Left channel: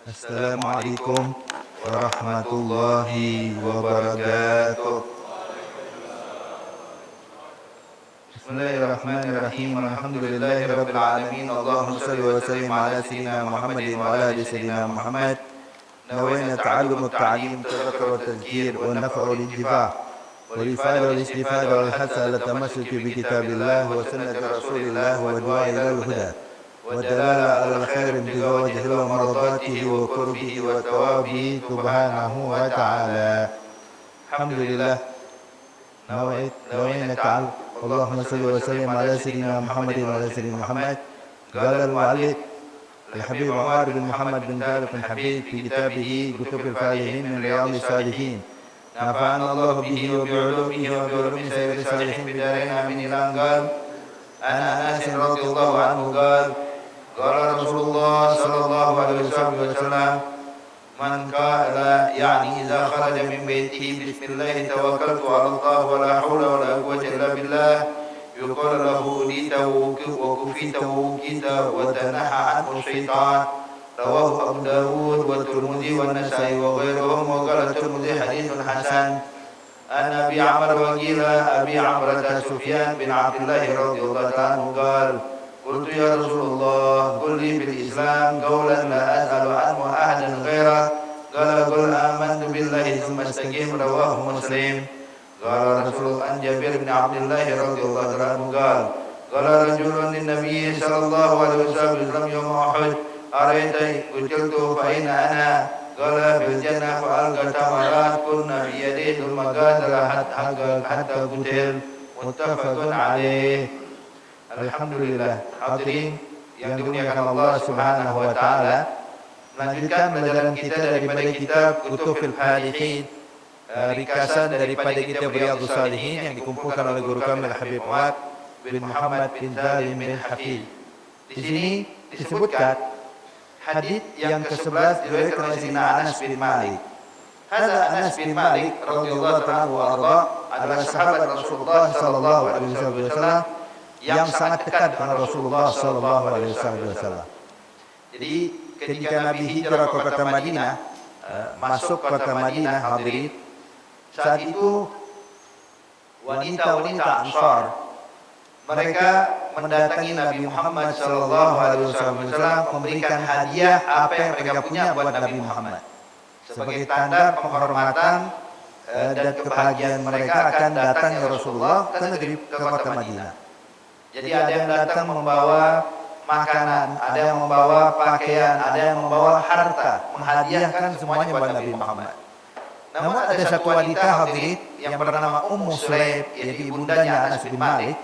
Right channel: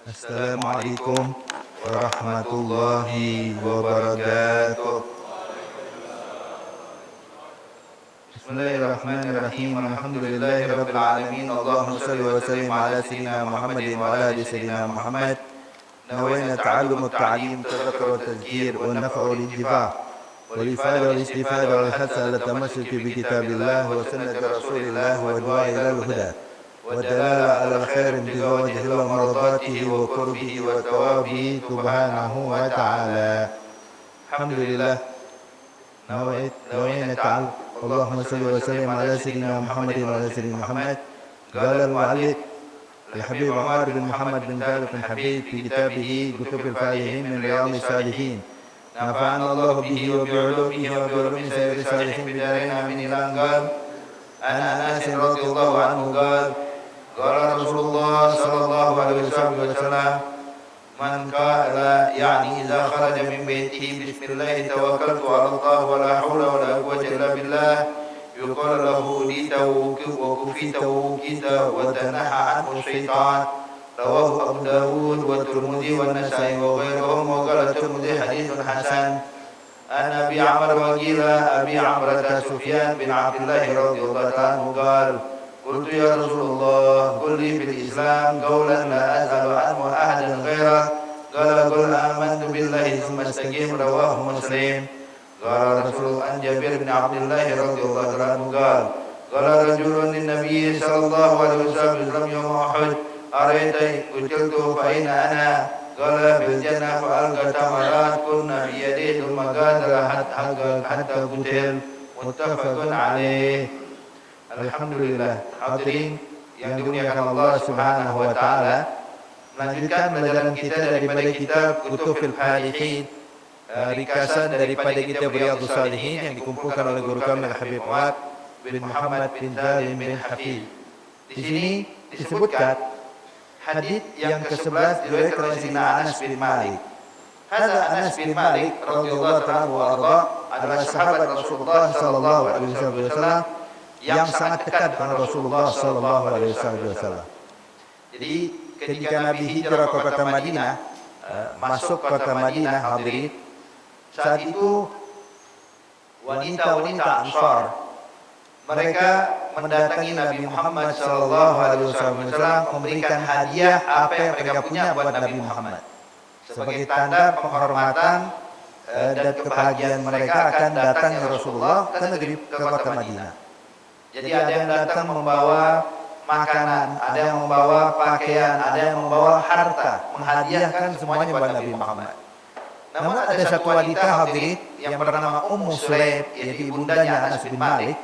Assalamualaikum warahmatullahi wabarakatuh. Bismillahirrahmanirrahim. Alhamdulillahi rabbil alamin. Allahumma salli wa sallim ala sayyidina Muhammadin wa ala ali sayyidina Muhammad. نوينا تعلم التعليم تذكر والتذكير والنفع والانتفاع والإفادة والاستفادة والحث على التمسك بكتاب الله وسنة رسول الله والدعاء إلى الهدى والدلالة على الخير ابتغاء وجه الله مرضاته وقربه وثوابه سبحانه وتعالى. الحمد لله نوينا تعلم. اللهم صل وسلم على سيدنا محمد وعلى سيدنا محمد. قال المؤلف الحبيب عمر بن محمد بن طارق بن حبيب في كتابه كتب الفالحين من رياض الصالحين نفعنا الله به وبعلومه وبعلوم سائر الصالحين بدارين آمين. قال عن أنس رضي الله عنه قال قال رسول الله صلى الله عليه وسلم من قال يعني إذا خرج من بيته بسم الله توكلت على الله ولا حول ولا قوة إلا بالله يقال له أوليت وكفيت ووكيت وتنحى عنه الشيطان. رواه أبو داود والترمذي والنسائي وغيرهم. وقال الترمذي حديث حسن. عن أبي عمرو وقيل أبي عمرة سفيان بن عبد الله رضي الله عنه قال قلت يا رسول الله قل لي بالإسلام قولا لا أسأل عنه أحدا غيره. قال قل آمنت بالله ثم استقم. رواه مسلم. قال رسول عن جابر بن عبد الله رضي الله عنه قال قال رجل للنبي صلى الله عليه وسلم يوم أحد أريت قتلت فأين أنا؟ قال بالجنة وألقى تمرات كنا بيده ثم غادر حتى قتل. متفق عليه. Alhamdulillah. Hadirin yang dimuliakan Allah Subhanahu wa taala, melanjutkan pelajaran kita daripada kitab Kutubul Falihin, ringkasan daripada kitab Riyadhus Shalihin yang dikumpulkan oleh guru kami Al-Habib Umar bin Muhammad bin Zalim bin Hafid. Di sini disebutkan hadis yang ke-11 diriwayatkan oleh Sayyidina Anas bin Malik. Hadza Anas bin Malik radhiyallahu ta'ala wa arda adalah sahabat Rasulullah sallallahu alaihi wasallam yang sangat dekat dengan Rasulullah sallallahu alaihi wasallam. Jadi ketika Nabi hijrah ke kota Madinah, masuk kota Madinah, hadirin, saat itu wanita-wanita Ansar mereka mendatangi Nabi Muhammad sallallahu alaihi wasallam memberikan hadiah apa yang mereka punya buat Nabi Muhammad sebagai tanda penghormatan dan kebahagiaan mereka akan datangnya Rasulullah ke kota Madinah. Jadi ada yang datang membawa makanan, ada yang membawa pakaian, ada yang membawa harta, menghadiahkan semuanya buat Nabi Muhammad. Namun ada satu wanita hadirin yang bernama Ummu Sulaim, yaitu ibundanya Anas bin Malik,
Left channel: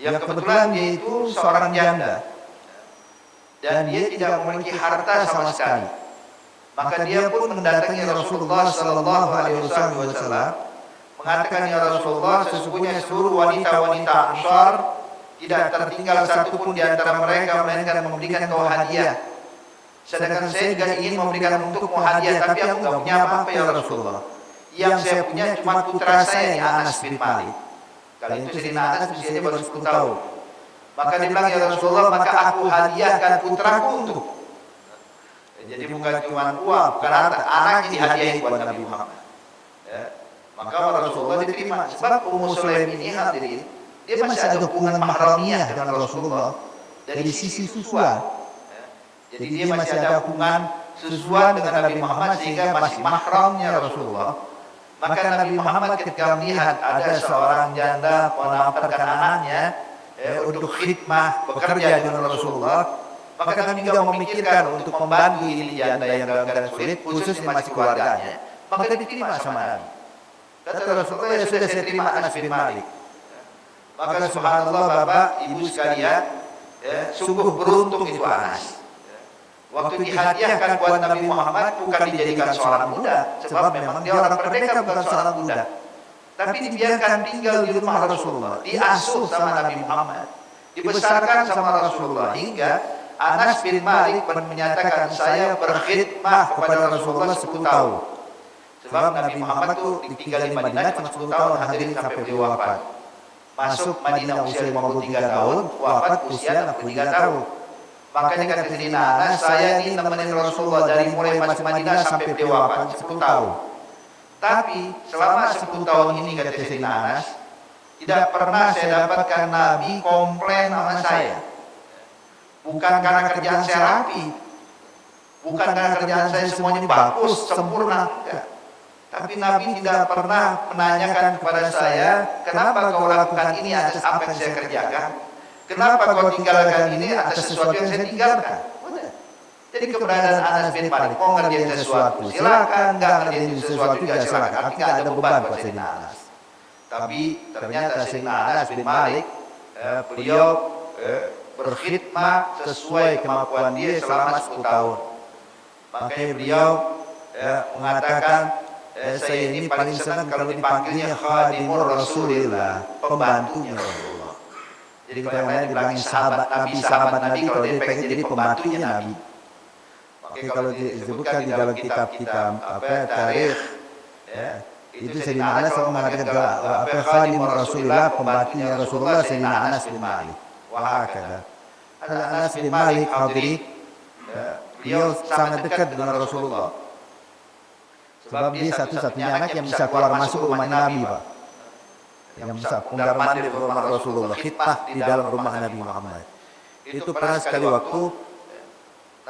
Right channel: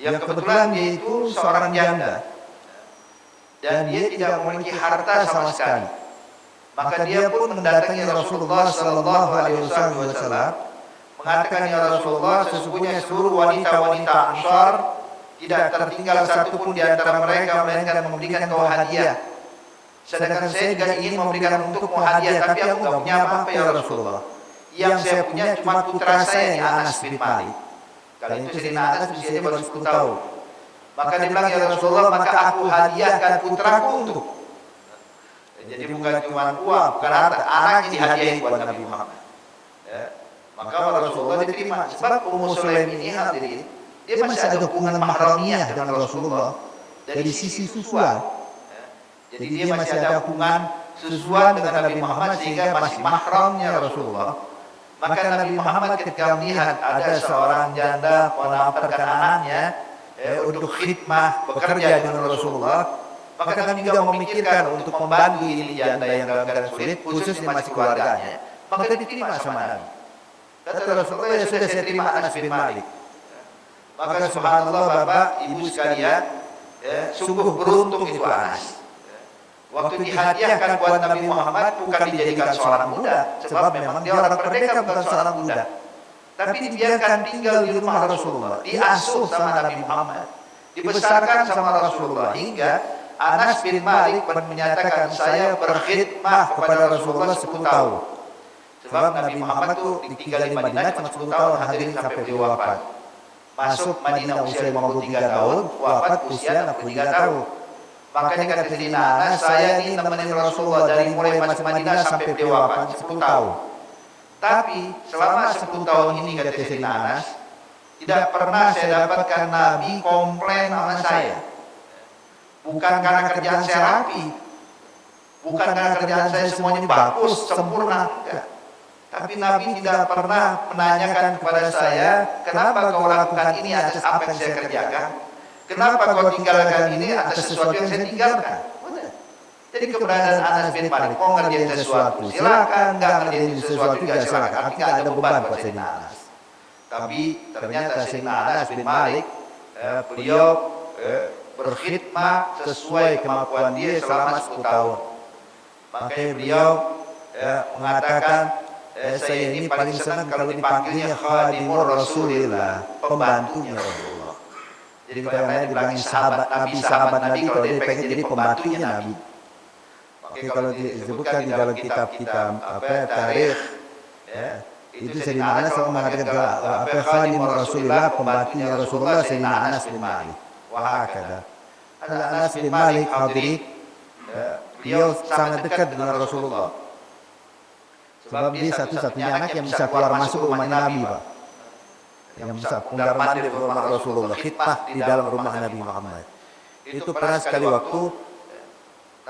yang kebetulan dia itu seorang janda dan dia tidak memiliki harta sama sekali. Maka dia pun mendatangi Rasulullah sallallahu alaihi wasallam mengatakan, ya Rasulullah, sesungguhnya seluruh wanita-wanita Ansar tidak tertinggal satupun di antara mereka melainkan memberikan kau hadiah. Sedangkan saya juga ingin memberikan untukmu hadiah, tapi aku tidak punya apa-apa ya Rasulullah. Yang saya punya cuma putra saya yang Anas bin Malik. Kali itu Sayyidina Anas usianya baru 10 tahun. Maka dia bilang, ya Rasulullah, maka aku hadiahkan putraku untuk. Jadi bukan cuma uang, berarti anak dihadiahi buat Nabi Muhammad. Maka Rasulullah diterima. Sebab Ummu Sulaim ini hadirin, dia masih ada hubungan mahramiyah dengan Rasulullah dari sisi susuan. Jadi dia masih ada hubungan susuan dengan Nabi Muhammad sehingga masih mahramnya Rasulullah. Maka Nabi Muhammad ketika melihat ada seorang janda menafkarkan anaknya untuk khidmah bekerja dengan Rasulullah, maka Nabi juga memikirkan untuk membantu ini janda yang dalam keadaan sulit, khususnya masih keluarganya. Maka diterima sama Nabi. Kata Rasulullah, ya sudah, saya terima Anas bin Malik. Maka subhanallah Bapak Ibu sekalian, sungguh beruntung itu Anas. Waktu dihadiahkan buat Nabi Muhammad bukan dijadikan seorang budak, sebab memang dia orang merdeka, bukan seorang budak. Tapi dibiarkan tinggal di rumah Rasulullah, diasuh sama Nabi Muhammad, dibesarkan sama Rasulullah, hingga Anas bin Malik menyatakan, saya berkhidmah kepada Rasulullah 10 tahun. Sebab Nabi Muhammad itu tinggal di Madinah cuma 10 tahun, hadirin, sampai beliau wafat. Masuk Madinah usia 53 tahun, wafat usia 63 tahun. Makanya kata Sayyidina Anas, saya ini nemenin Rasulullah dari mulai masuk Madinah sampai beliau wafat 10 tahun. Tapi selama 10 tahun ini kata Sayyidina Anas, tidak pernah saya dapatkan Nabi komplain sama saya. Bukan karena kerjaan saya rapi, bukan karena kerjaan saya semua ini bagus, sempurna. Enggak. Tapi Nabi tidak pernah menanyakan kepada saya, kenapa kau lakukan ini atas apa yang saya kerjakan? Kenapa kau tinggalkan ini atas sesuatu yang saya tinggalkan? Jadi keberadaan Anas bin Malik, mau ngerjain sesuatu, silakan, nggak ngerjain sesuatu, ya silakan. Artinya tidak ada beban buat Sayyidina Anas. Tapi ternyata Sayyidina Anas bin Malik, beliau berkhidmah sesuai kemampuan dia selama 10 tahun. Makanya beliau mengatakan, saya ini paling senang kalau dipanggilnya khadimur Rasulillah, pembantunya Rasulullah. Jadi kalau yang lain dibilangin sahabat Nabi, kalau dia pengen jadi pembantunya Nabi. Oke, kalau disebutkan di dalam kitab-kitab tarikh, itu Sayyidina Anas selalu mengatakan khadimur Rasulillah, pembantunya Rasulullah Sayyidina Anas bin Malik. Wahakada. Anas bin Malik hadirin, beliau sangat dekat dengan Rasulullah. Sebab dia satu-satunya anak yang bisa keluar masuk ke rumahnya Nabi, Pak. Yang bisa pundar mandir ke rumah Rasulullah, khidmah di dalam rumah Nabi Muhammad. Itu pernah sekali waktu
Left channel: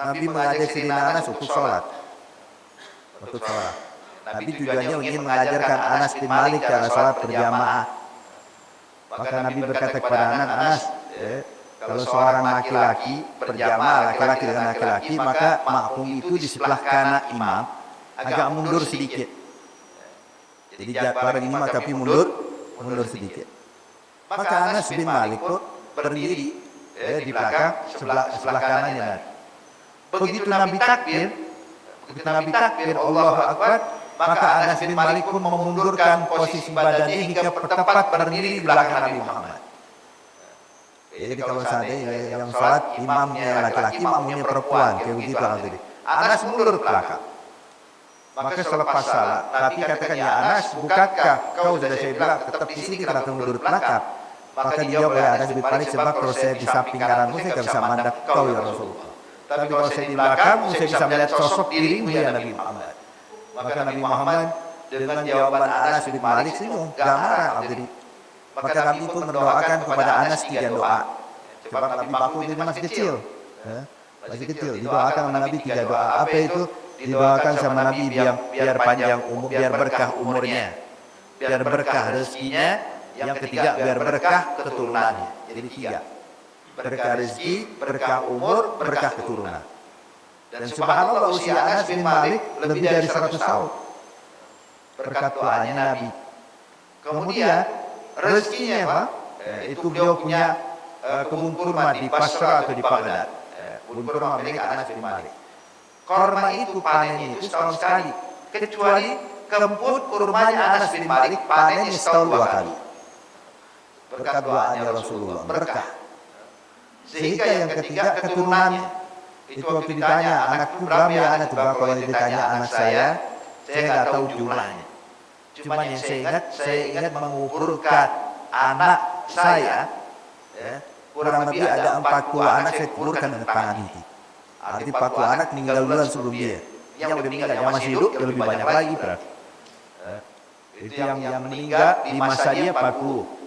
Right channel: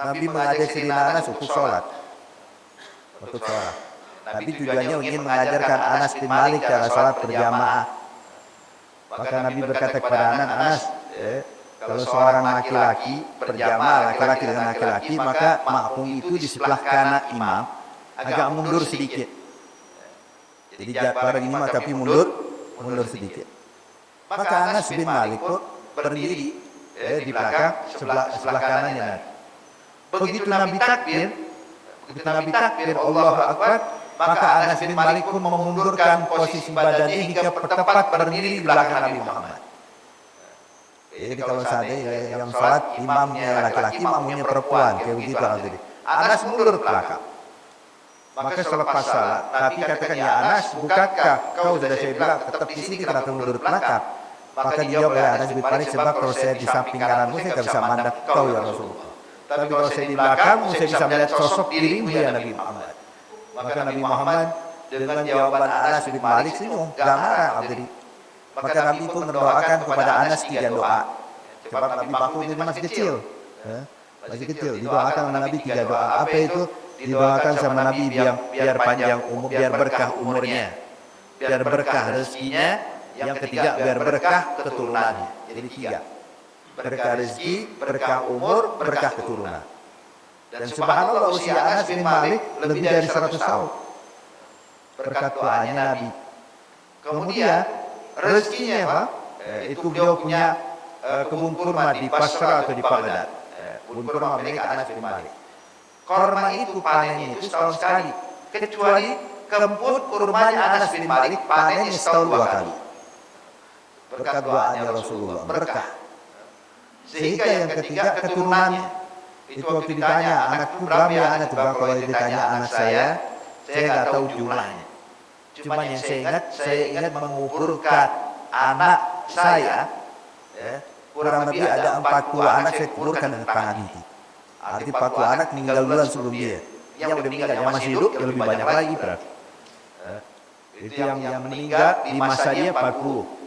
Nabi mengajak Sayyidina Anas untuk sholat. Untuk sholat. Nabi tujuannya ingin mengajarkan Anas bin Malik cara sholat berjamaah. Maka Nabi berkata kepada Anas, kalau seorang laki-laki berjamaah laki-laki dengan laki-laki, maka makmum itu di sebelah kanan imam agak mundur sedikit. Jadi bareng imam tapi mundur sedikit. Maka Anas bin Malik pun berdiri di belakang sebelah kanannya Nabi. Begitu Nabi takbir, Allahu Akbar, maka Anas bin Malik pun memundurkan posisi badannya hingga tepat berdiri di belakang Nabi Muhammad. Jadi kalau seandainya yang sholat imamnya laki-laki, makmumnya perempuan, kayak begitu tadi. Anas mundur ke belakang. Maka selepas salat, Nabi katakan, ya Anas, bukankah kau sudah saya bilang tetap di sini kenapa mundur ke belakang? Maka dijawab oleh Anas bin Malik, sebab kalau saya di samping kananmu saya tidak bisa mandang kau ya Rasulullah. Tapi kalau saya di belakangmu saya bisa melihat sosok dirimu ya Nabi Muhammad. Maka Nabi Muhammad dengan jawaban Anas bin Malik senyum, gak marah. Maka Nabi pun mendoakan kepada Anas 3 doa. Sebab Nabi baku ini masih kecil. Didoakan sama Nabi 3 doa. Apa itu? Didoakan sama Nabi biar panjang umur, biar berkah umurnya, biar berkah rezekinya. Yang ketiga, biar berkah keturunannya. Jadi 3. Berkah rezeki, berkah umur, berkah keturunan. Dan subhanallah usia Anas bin Malik lebih dari 100 tahun. Berkat doanya Nabi. Kemudian rezekinya Pak, itu beliau punya kebun kurma di Basra atau di Baghdad. Kebun kurma milik Anas bin Malik. Kurma itu panennya itu setahun sekali. Kecuali kebun kurmanya Anas bin Malik panennya setahun 2 kali. Berkat doanya Rasulullah, berkah. Sehingga yang ketiga keturunannya. Itu waktu ditanya, anakku berapa ya anak? Kalau ditanya anak saya nggak tahu jumlahnya. Cuman yang saya ingat menguburkan anak saya, kurang lebih ada 40 anak saya kuburkan dengan tangan ini. Arti 40 anak meninggal duluan sebelum dia. Yang udah meninggal, yang masih hidup, ya lebih banyak lagi berarti. Itu yang meninggal di masa dia 40.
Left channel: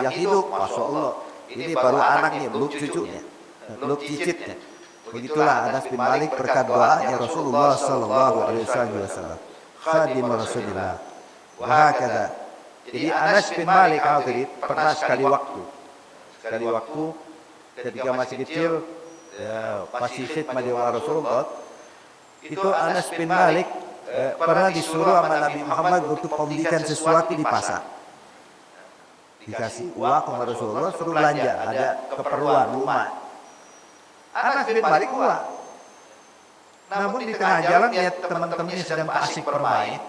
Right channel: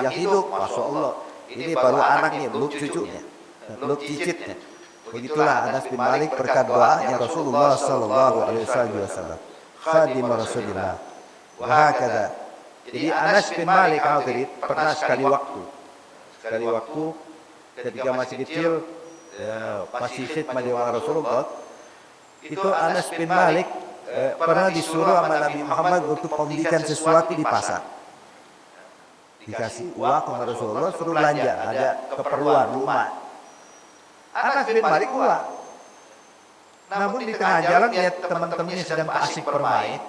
Yang hidup, Masya Allah. Ini baru anaknya, belum cucunya, belum cicitnya. Begitulah Anas bin Malik berkat doanya Rasulullah Sallallahu Alaihi Wasallam. Khadim Rasulullah. Wahakada. Jadi Anas bin Malik pernah sekali waktu ketika masih kecil, masih khidmah di Rasulullah. Itu Anas bin Malik pernah disuruh sama Nabi Muhammad untuk membelikan sesuatu di pasar. Dikasih uang kepada Rasulullah, suruh belanja, ada keperluan rumah. Anas bin Malik uang. Namun di tengah jalan lihat teman-temannya sedang asik bermain.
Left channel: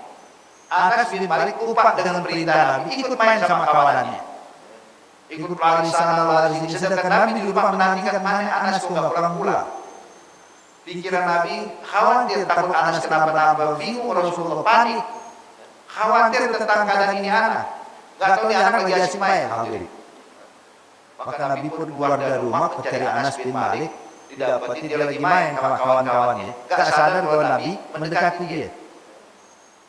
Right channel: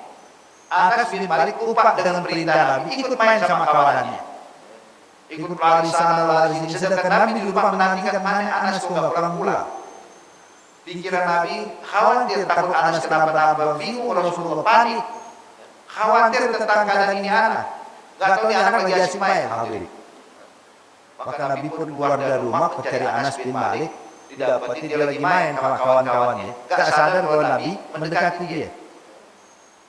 Anas bin Malik lupa dengan perintah Nabi, ikut main sama kawanannya. Ikut lari sana lari sini, sedangkan Nabi di rumah menantikan mana Anas kok nggak pulang. Pikiran Nabi khawatir takut Anas kenapa-napa, bingung Rasulullah panik. Khawatir tentang keadaan ini anak. Gak tahu anak lagi asik main. Maka Nabi pun keluar dari rumah mencari Anas bin Malik. didapati dia lagi main sama kawan-kawannya, gak sadar bahwa Nabi mendekati dia.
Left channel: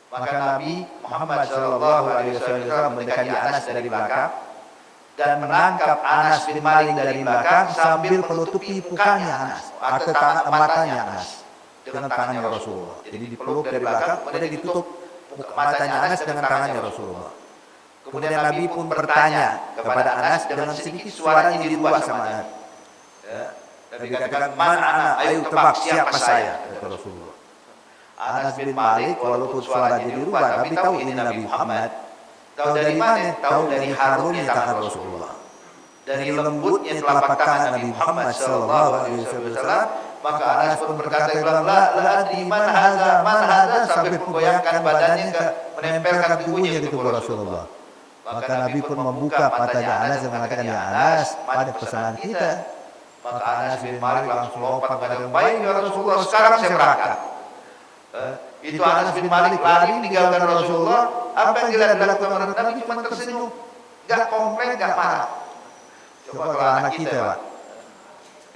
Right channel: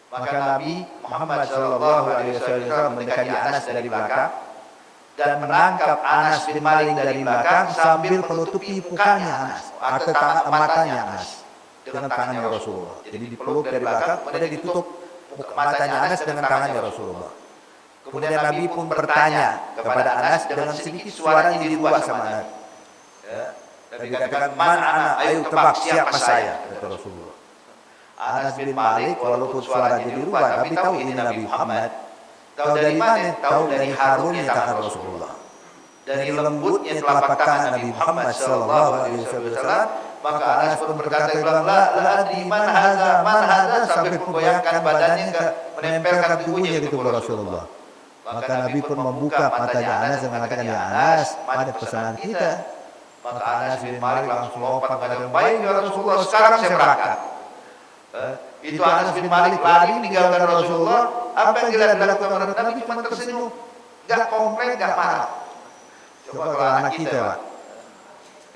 Maka Nabi Muhammad Shallallahu Alaihi Wasallam mendekati Anas dari belakang dan menangkap Anas bin Malik dari belakang sambil menutupi mukanya Anas atau matanya Anas dengan tangannya Rasulullah. Jadi dipeluk dari belakang, kemudian ditutup matanya Anas dengan tangannya Rasulullah. Kemudian Nabi pun bertanya kepada Anas dengan sedikit suaranya dirubah sama Anas. Nabi katakan, "Man ana? Ayo tebak siapa saya?" kata Rasulullah. Anas bin Malik walaupun suaranya dirubah, tapi tahu ini Nabi Muhammad. Tahu dari mana? Tahu dari harumnya tangan Rasulullah, dari lembutnya telapak tangan Nabi Muhammad Sallallahu Alaihi Wasallam. Maka Anas pun berkata, la adri man hadza, sampai pun bayangkan badannya menempelkan tubuhnya gitu ke Rasulullah. Maka Nabi pun membuka matanya Anas dan mengatakan, "Ya Anas, pada pesanan kita." Maka Anas bin Malik langsung lompat mengatakan, "Baik ya Rasulullah, sekarang saya berangkat." Itu Anas bin Malik lari meninggalkan Rasulullah. Apa yang dilakukan oleh Nabi cuma tersenyum, gak komplain, gak marah. Coba kalau anak kita Pak,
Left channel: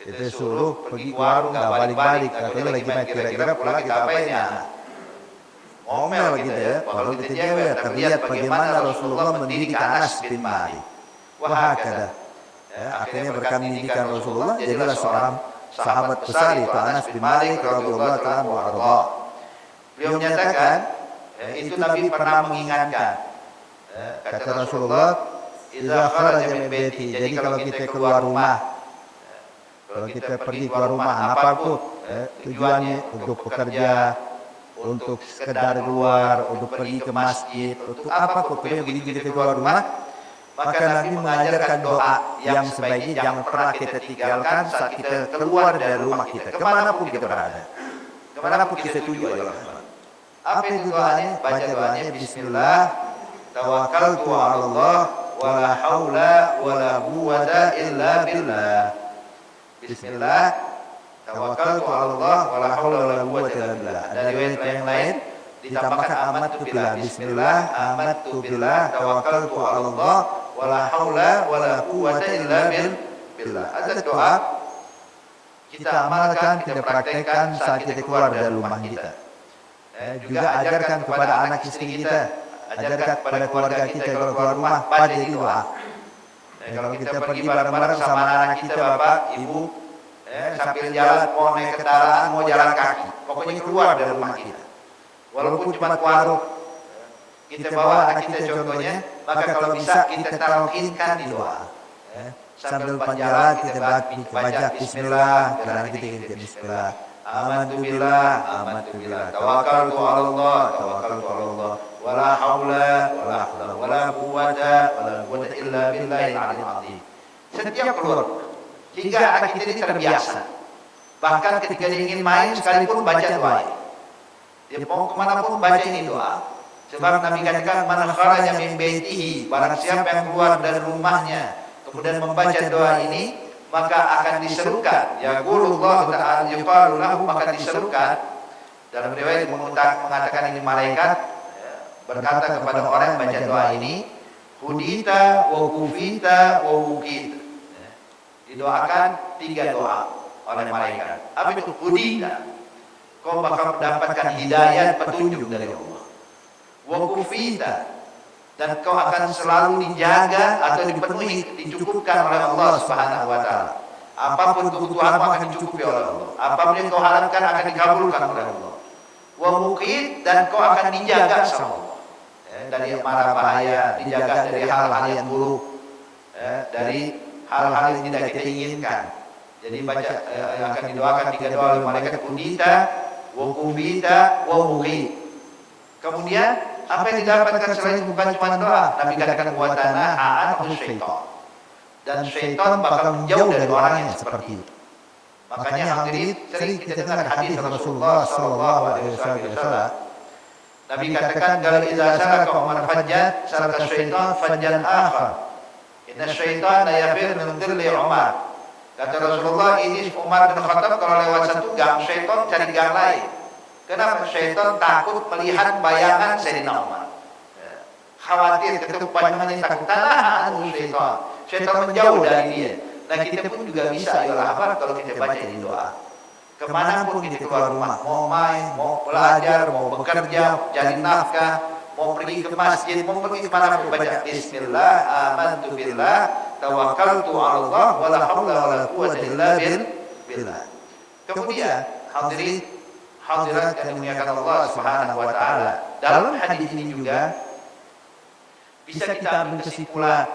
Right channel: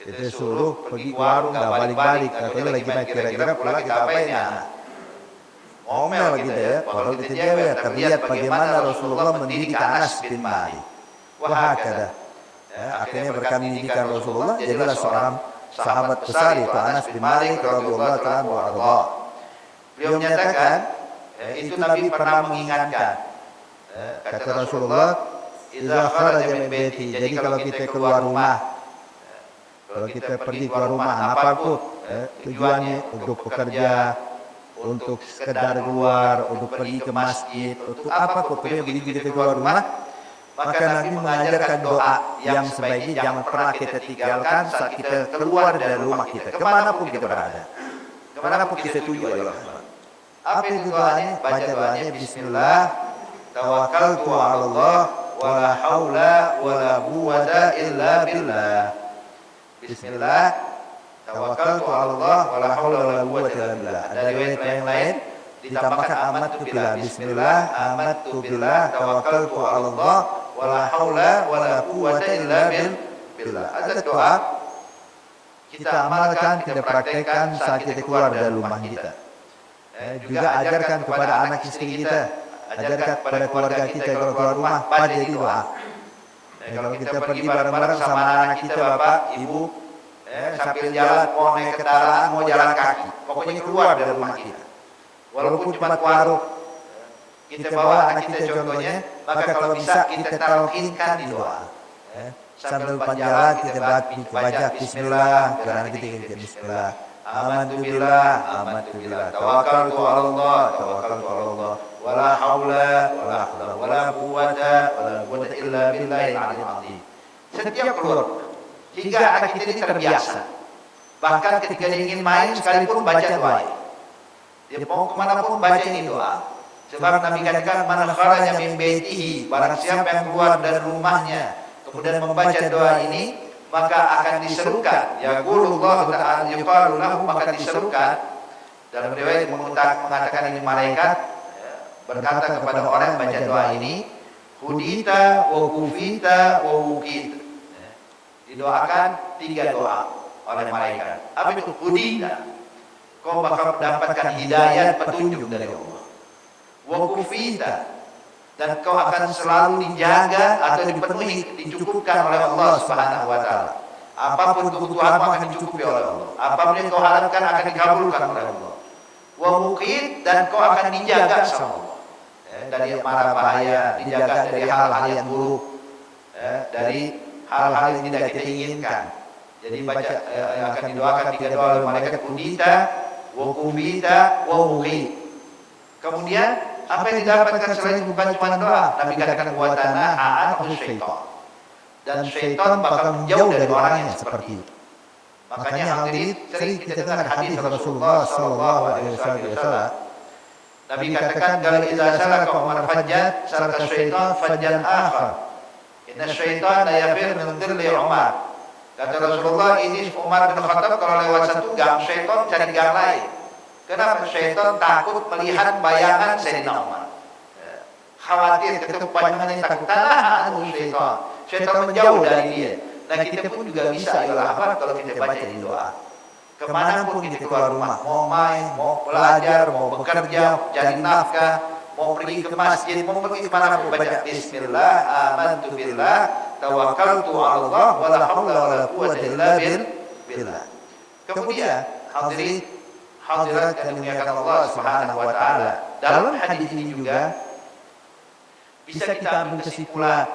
kita suruh pergi ke warung gak balik-balik, katanya lagi main, kira-kira pula kita apain ya anak? Omel kita ya, padahal kita dia terlihat bagaimana Rasulullah mendidik Anas bin Malik. Wahakada. Akhirnya berkat pendidikan Rasulullah, jadilah seorang sahabat besar itu Anas bin Malik radhiyallahu ta'ala anhu arda. Beliau menyatakan, itu Nabi pernah mengingatkan, kata Rasulullah, "Idza kharaja min baiti." Jadi kalau kita keluar rumah, kalau kita pergi keluar rumah, apapun tujuannya untuk bekerja, untuk sekedar keluar, untuk pergi ke masjid, untuk apa pokoknya begitu kita keluar rumah, maka Nabi mengajarkan doa yang sebaiknya jangan pernah kita tinggalkan saat kita keluar dari rumah kita, kemanapun kita berada, kemanapun kita tuju. Apa itu doanya? Baca doanya, "Bismillah, tawakkaltu 'ala Allah, wa la haula wa la quwwata illa billah." Bismillah, tawakkaltu 'ala Allah, wa la haula wa la quwwata illa billah. Ada riwayat yang lain ditambahkan amattu billah. Bismillah, amattu billah, tawakkaltu 'ala Allah, wa la haula wa la quwwata illa billah. Ada doa kita amalkan, kita praktekkan saat kita keluar dari rumah kita. Juga ajarkan kepada anak istri kita, ajarkan kepada keluarga kita kalau keluar rumah, jadi doa. Kalau kita pergi bareng-bareng sama anak kita, bapak, ibu, sambil jalan, mau naik kendaraan, mau jalan kaki, pokoknya keluar dari rumah kita. Walaupun cuma ke warung, kita bawa anak kita contohnya, maka kalau bisa kita talqinkan di doa. Sambil panjalan kita baca Bismillah, karena kita ingat Bismillah. Amantu billah, tawakkaltu 'ala Allah, wala haula wala quwwata illa billahil 'aliyyil 'azim. Setiap keluar, jika anak kita ini terbiasa, bahkan ketika dia ingin main sekalipun baca doa. Dia mau kemanapun baca ini doa. Sebab Nabi katakan, "Man kharaja min baitihi," barang siapa yang keluar dari rumahnya kemudian membaca doa ini, maka akan diserukan, ya Gurullah ta'ala yuqalu lahu, maka diserukan. Dalam riwayat mengatakan ini malaikat berkata kepada orang yang baca doa ini, "Hudita wa kufita wa wukita." Didoakan 3 doa oleh malaikat. Apa itu hudita? Kau bakal mendapatkan hidayat, petunjuk dari Allah. Wa kufita, dan kau akan selalu dijaga atau dipenuhi, dicukupkan oleh Allah Subhanahu wa taala. Apapun kebutuhanmu akan dicukupi oleh Allah. Apapun yang kau harapkan akan dikabulkan oleh Allah. Wa muqit, dan kau akan dijaga sama Allah. Dari mara bahaya, dijaga dari hal-hal yang buruk, dari hal-hal yang tidak kita inginkan. Jadi baca yang akan didoakan tidak oleh malaikat, "Hudita wa kumbita wa muqit." Kemudian apa yang didapatkan selain bukan cuma doa? Nabi katakan, "Watana ha'atuhu syaitan." Dan syaitan bakal menjauh dari orang yang seperti itu. Makanya hal ini sering kita dengar hadis Rasulullah sallallahu alaihi wasallam. Nabi katakan, "Bal idza saraka Umar fajjat, saraka syaitan fajjan akhar. Inna syaitan la yafir min dhilli Umar." Kata Rasulullah, ini Umar bin Khattab kalau lewat satu gang, syaitan cari gang lain. Kenapa? Syaitan takut melihat bayangan Sayyidina Umar. Khawatir ketupannya takut, karena anu syaitan menjauh dari dia. Nah kita pun juga bisa ayolah apa kalau kita baca ini doa. Kemanapun kita keluar rumah, mau main, mau belajar, mau bekerja, cari nafkah, mau pergi ke masjid, mau pergi kemana pun baca Bismillah, amantu billah, tawakkaltu ala Allah, wala hawla wala quwwata illa billah. Kemudian hadirin hadirat yang dimuliakan Allah Subhanahu wa taala. Dalam hadis ini juga bisa kita ambil kesimpulan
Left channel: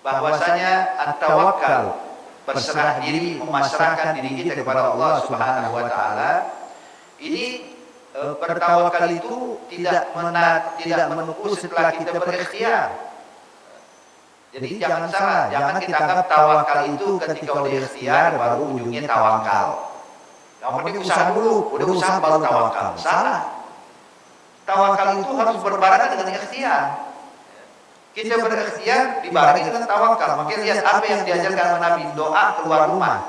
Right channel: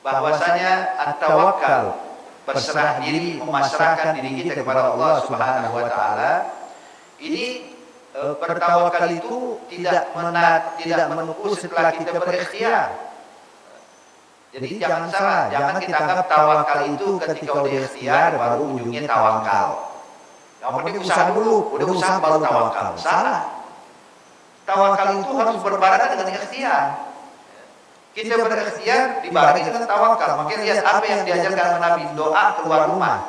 bahwasanya at-tawakkal, berserah diri, memasrahkan diri kita kepada Allah Subhanahu wa taala. Ini bertawakal itu tidak menunggu setelah kita berikhtiar. Jadi jangan salah, jangan kita anggap tawakal itu ketika udah ikhtiar baru ujungnya tawakal. Yang penting usaha dulu, udah usaha baru tawakal. Salah. Tawakal itu harus berbarengan dengan ikhtiar. Kita berikhtiar dibarengi dengan tawakal. Makanya lihat apa yang diajarkan Nabi, doa keluar rumah.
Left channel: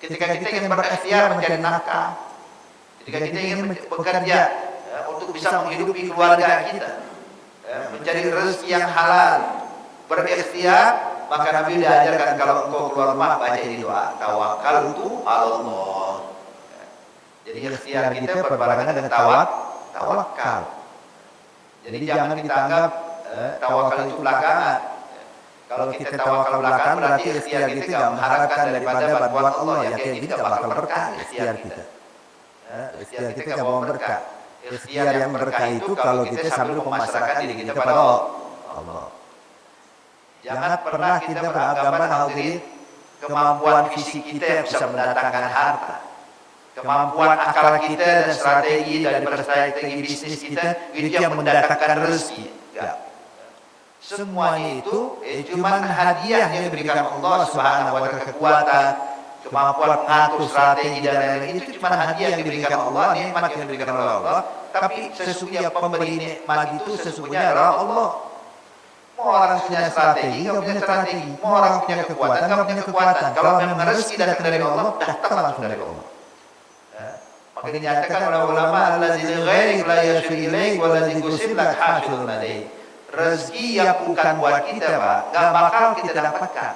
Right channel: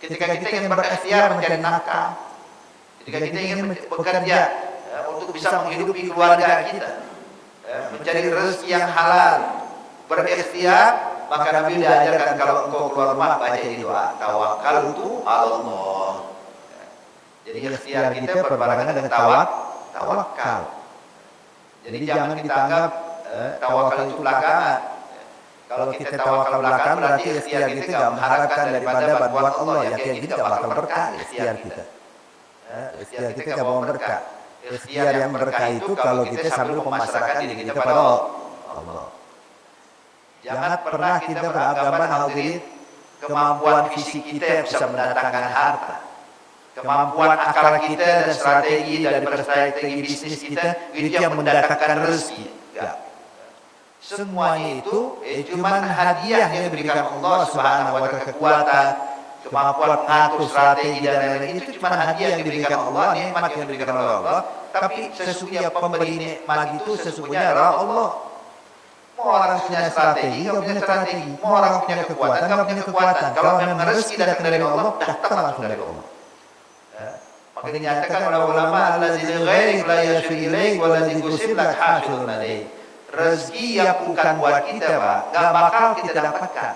Ketika kita ingin berikhtiar mencari nafkah, ketika kita ingin bekerja untuk bisa menghidupi keluarga kita, mencari rezeki yang halal, berikhtiar, maka Nabi diajarkan kalau engkau keluar rumah baca ini doa, tawakal itu Allah. Jadi ikhtiar kita berbarengan dengan tawakal. Jadi jangan kita anggap tawakal itu belakangan. Kalau kita tawakal belakangan berarti ikhtiar kita tidak mengharapkan daripada bantuan Allah. Ya kayak gini tidak bakal berkah ikhtiar kita. Ikhtiar kita tidak mau berkah. Ikhtiar yang berkah itu kalau kita sambil memasrahkan diri kita pada Allah. Jangan pernah kita beranggapan hadirin kemampuan fisik kita yang bisa mendatangkan harta. Kemampuan akal kita dan strategi dari strategi bisnis kita itu yang mendatangkan rezeki. Ya. Semuanya itu cuma hadiah yang diberikan Allah Subhanahu wa taala, kekuatan, kemampuan ngatur strategi dan lain-lain itu cuma hadiah yang diberikan Allah, nikmat yang diberikan oleh Allah. Tapi sesungguhnya pemberi nikmat itu sesungguhnya adalah Allah. Mau orang punya strategi, nggak punya strategi. Mau orang punya kekuatan, nggak punya kekuatan. Kalau memang rezeki datang dari Allah, datang langsung dari Allah. Makanya dinyatakan oleh ulama, alladzi ghairi la yasil ilaik walladzi tusibak hasilun alaih. Rezeki yang bukan buat kita, Pak, nggak bakal kita dapatkan.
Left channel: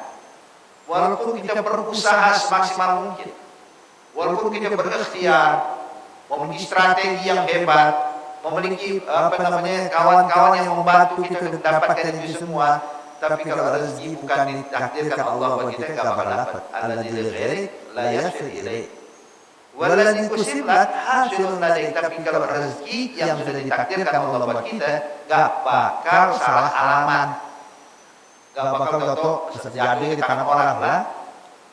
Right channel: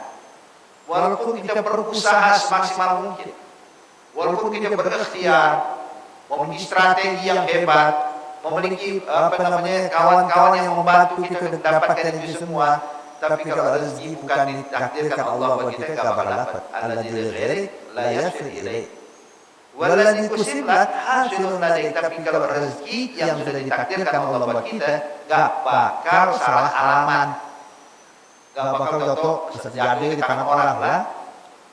Walaupun kita berusaha semaksimal mungkin, walaupun kita berikhtiar, memiliki strategi yang hebat, memiliki kawan-kawan yang membantu kita mendapatkan itu semua, tapi kalau rezeki bukan ditakdirkan Allah buat kita, nggak bakal dapat. Alladzi ghairi la yasil ilaik waladzi tusibak hasilun alaih. Tapi kalau rezeki yang sudah ditakdirkan Allah buat kita, gak bakal salah alaman, gak bakal jatuh terjadi di tangan orang lah.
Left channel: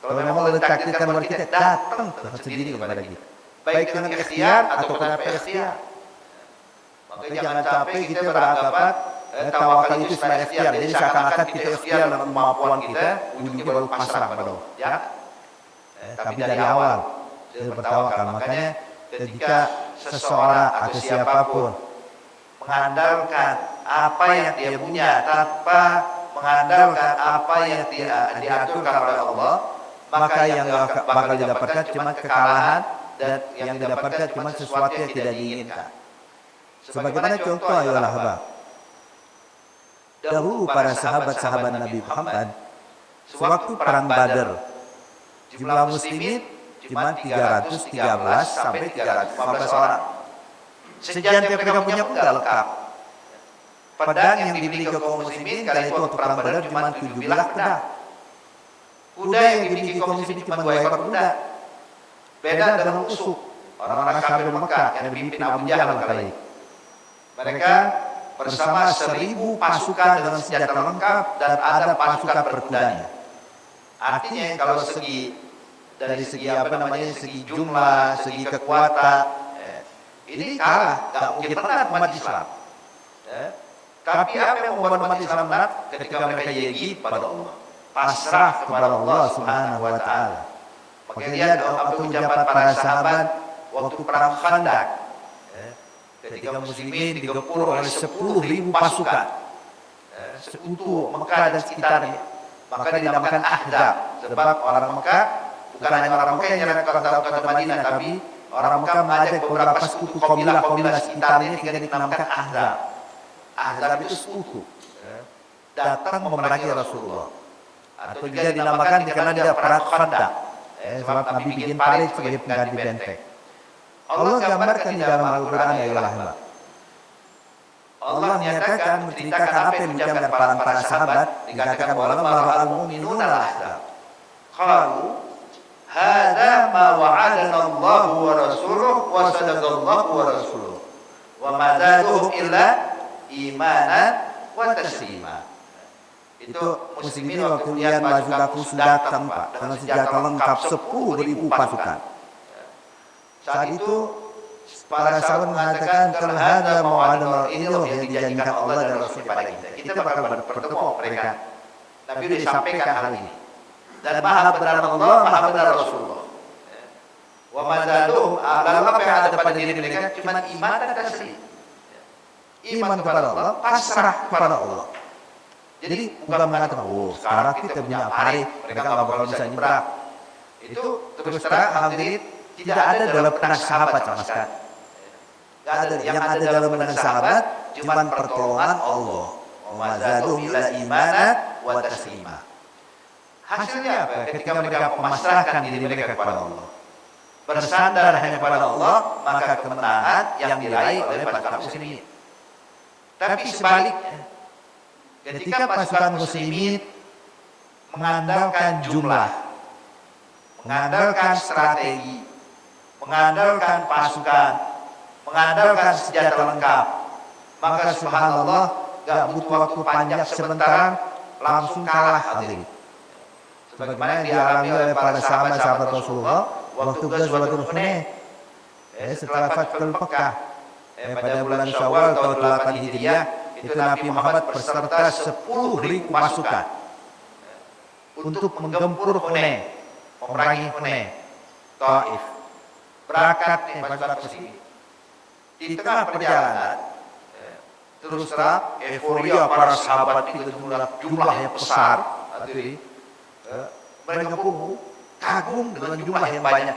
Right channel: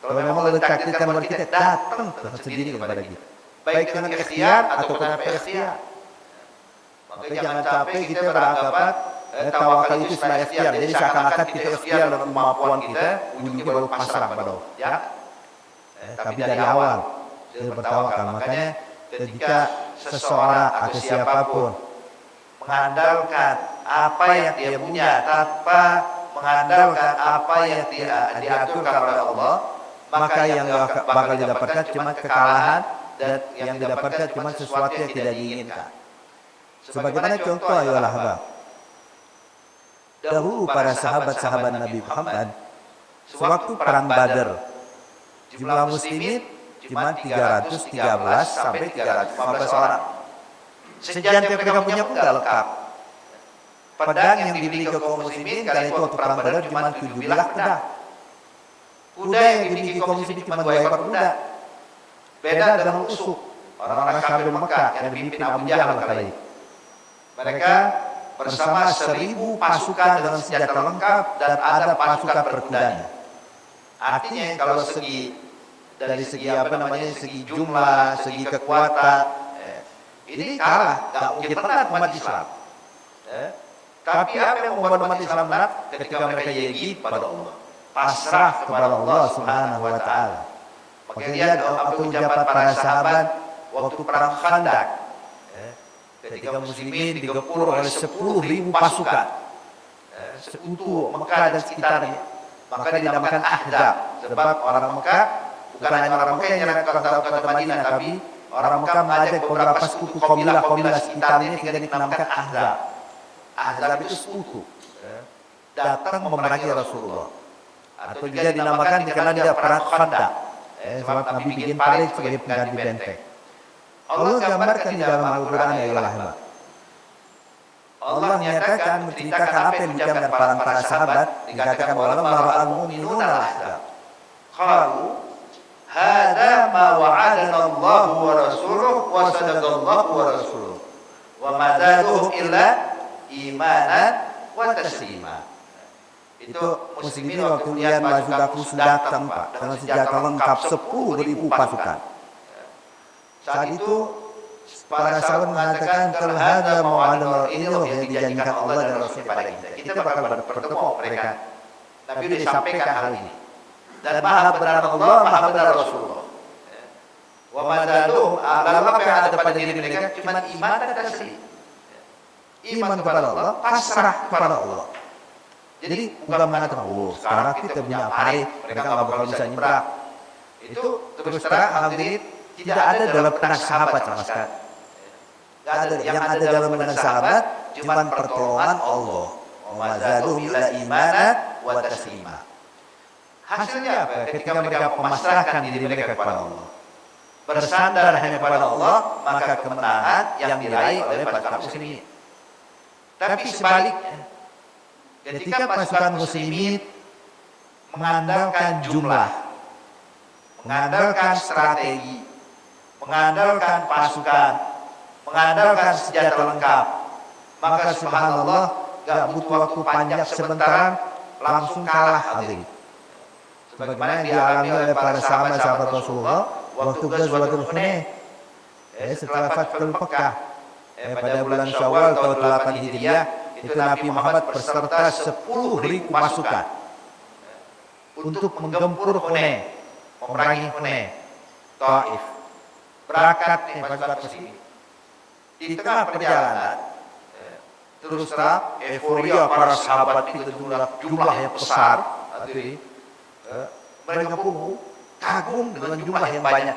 Kalau memang sudah ditakdirkan buat kita, datang sendiri kepada kita, baik dengan ikhtiar atau tanpa ikhtiar. Maka jangan capek kita beranggapan tawakal itu sebagai ikhtiar. Jadi seakan-akan kita ikhtiar dengan kemampuan kita, ujungnya baru pasrah pada Allah. Ya. Tapi dari awal bertawakal. Makanya ketika seseorang atau siapapun mengandalkan apa yang dia punya tanpa mengandalkan apa yang diaturkan oleh Allah, maka yang bakal didapatkan cuma kekalahan, dan yang didapatkan cuma sesuatu yang tidak diinginkan. Sebagaimana contoh ayolah Bang, dahulu para sahabat-sahabat Nabi Muhammad sewaktu perang Badar, jumlah muslimin cuma 313 sampai 315 orang. Senjata yang mereka punya pun gak lengkap. Pedang yang dimiliki kaum muslimin kali itu waktu perang Badar cuma 17 pedang. Kuda yang dimiliki kaum muslimin cuma 2 ekor kuda. Beda dengan Usuk, orang-orang kafir Mekah yang dipimpin Abu Jahal kala itu. Mereka bersama 1000 pasukan dengan senjata lengkap dan ada pasukan perkudanya. Artinya kalau dari segi segi jumlah, segi kekuatan, ini kalah, tak mungkin menang umat Islam. Tapi apa yang membuat umat Islam menang? Ketika mereka yegi pada Allah, pasrah kepada Allah Subhanahu wa taala. Makanya lihat apa ucapan para sahabat waktu perang Khandaq. Ketika muslimin digempur oleh 10.000 pasukan sekutu Mekah dan sekitarnya, maka dinamakan Ahzab. Sebab orang Mekah, bukan hanya orang Mekah yang nyerang kota Madinah, tapi orang Mekah mengajak beberapa sekutu kaumilah sekitarnya sehingga dinamakan Ahzab. Ahzab itu sekutu datang memerangi Rasulullah. atau juga dinamakan dikenal dia perang Khandaq. Sebab Nabi bikin parit sebagai pengganti benteng. Allah gambarkan di dalam Al-Quran ya Allah. Allah menyatakan menceritakan apa yang diucapkan para sahabat, dikatakan walamma ra'al mu'minuna al-ahzab qalu hadza ma wa'adana Allah wa rasuluhu wa sadaqallahu wa rasuluhu wa ma zaduhum illa imanan wa taslima. Itu muslimin waktu lihat pasukanku sudah tempat dengan senjata lengkap 10.000 pasukan. Saat itu para sahabat mengatakan terhadap mau'adana ini yang dijanjikan Allah dan Rasul kepada kita. Kita bakal bertemu mereka. Tapi disampaikan hal ini. Dan maha benar Allah, maha benar Rasulullah. Wa madaluhum, lalu apa yang ada pada diri mereka? Cuma iman dan taslim. Iman kepada Allah, pasrah kepada Allah. Jadi bukan mengatakan, sekarang kita punya parit, mereka nggak bakal bisa nyebrang. Itu terus terang, alhamdulillah, tidak ada dalam benak sahabat sama sekali. Gak ada. Yang ada dalam benak sahabat cuma pertolongan Allah. Wa zaduhum ila imanan wa taslima. Hasilnya apa? Ketika mereka memasrahkan diri mereka kepada Allah, bersandar hanya kepada Allah, maka kemenangan yang diraih oleh pasukan muslimin. Tapi sebaliknya, ketika pasukan muslimin mengandalkan jumlah, mengandalkan strategi, mengandalkan pasukan, mengandalkan senjata lengkap, maka subhanallah gak butuh waktu panjang sebentar langsung kalah hadirin. Sebagaimana yang dialami oleh para sahabat Rasulullah waktu Ghazwatul Hunain, setelah Fathul Makkah, pada bulan Syawal tahun 8 Hijriah, itu Nabi Muhammad berserta 10.000 pasukan untuk menggempur Hunain, memerangi Hunain, Taif. Berangkat pasukan muslimin. Di tengah perjalanan, terus terang euforia para sahabat itu jumlah yang besar, mereka pun kagum dengan jumlah yang banyak.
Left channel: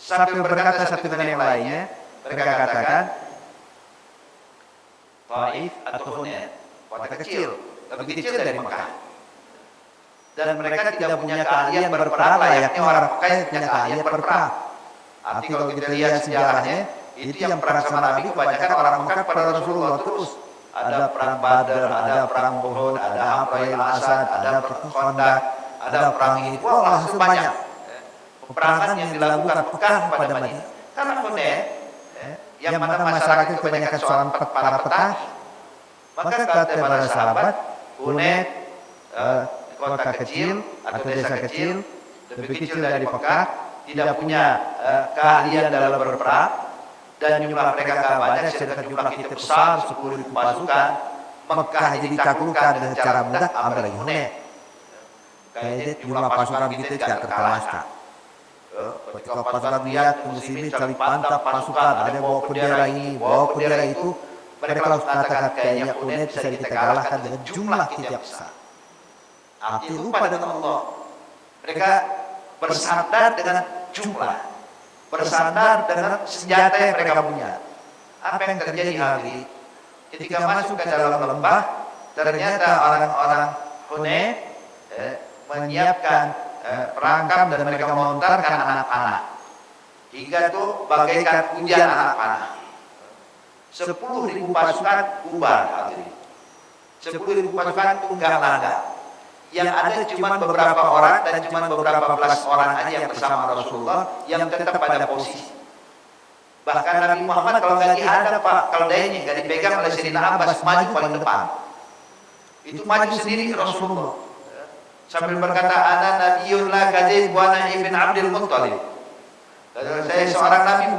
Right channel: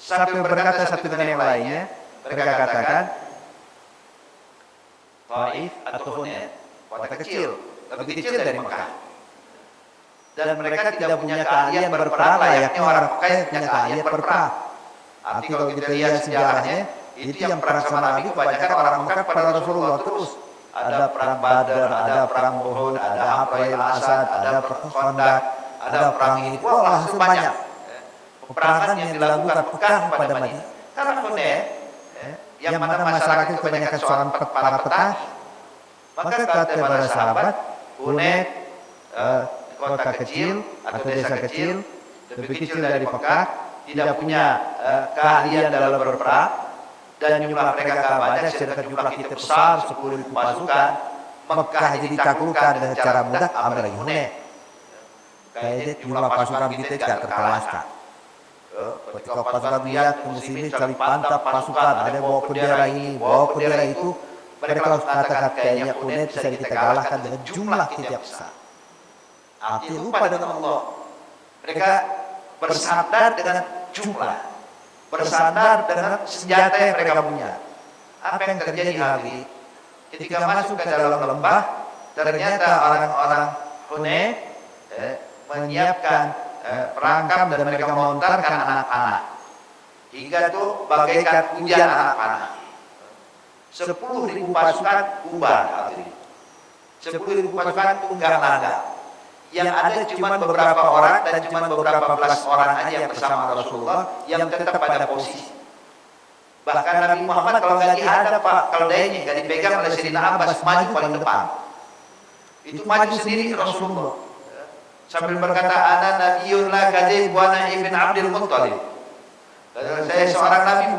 Sampai berkata satu dengan yang lainnya, mereka katakan, Taif atau Hunain, kota kecil, lebih kecil dari Mekah. Dan mereka tidak punya keahlian berperang layaknya orang Mekah yang punya keahlian berperang. Arti kalau kita lihat sejarahnya, itu yang perang sama Nabi kebanyakan orang Mekah pada Rasulullah terus. Ada perang Badar, ada perang Uhud, ada Hafrail Asad, ada perang Khandaq, ada perang ini. Wah, sebanyak peperangan yang dilakukan Mekah pada Madinah. Karena Hunain, yang mana masyarakat kebanyakan seorang para petani, maka kata para sahabat, Hunain kota kecil atau desa kecil, lebih kecil dari Mekah, tidak punya keahlian dalam berperang, dan jumlah mereka kabarnya sedangkan jumlah kita besar 10.000 pasukan, Mekah jadi taklukkan dengan cara mudah, ambil lagi Hunain. Kayak jumlah pasukan kita tidak terkalahkan. Ketika pasukan lihat muslimin saling pantap pasukan, ada yang bawa bendera ini, bawa bendera itu, mereka harus katakan kayaknya Hunain bisa kita kalahkan dengan jumlah tidak besar. Hati lupa dengan Allah. Mereka bersandar dengan jumlah, bersandar dengan senjata yang mereka punya. Apa yang terjadi hari ini? Ketika masuk ke dalam lembah, ternyata orang-orang Hunain menyiapkan perangkap dan mereka melontarkan anak-anak. Hingga itu bagaikan hujan anak-anak. 10.000 pasukan bubar. 10.000 pasukan tunggang langgang. Yang ada cuma beberapa orang dan cuma beberapa belas orang aja bersama Rasulullah yang tetap pada posisi. Bahkan Nabi Muhammad kalau nggak dihadap Pak, kalau dia nggak dipegang oleh Sayyidina Abbas maju paling depan. Itu maju sendiri Rasulullah. Sambil berkata, ana nabiyyun la kadhib wa ana ibn Abdul Muttalib. Saya seorang nabi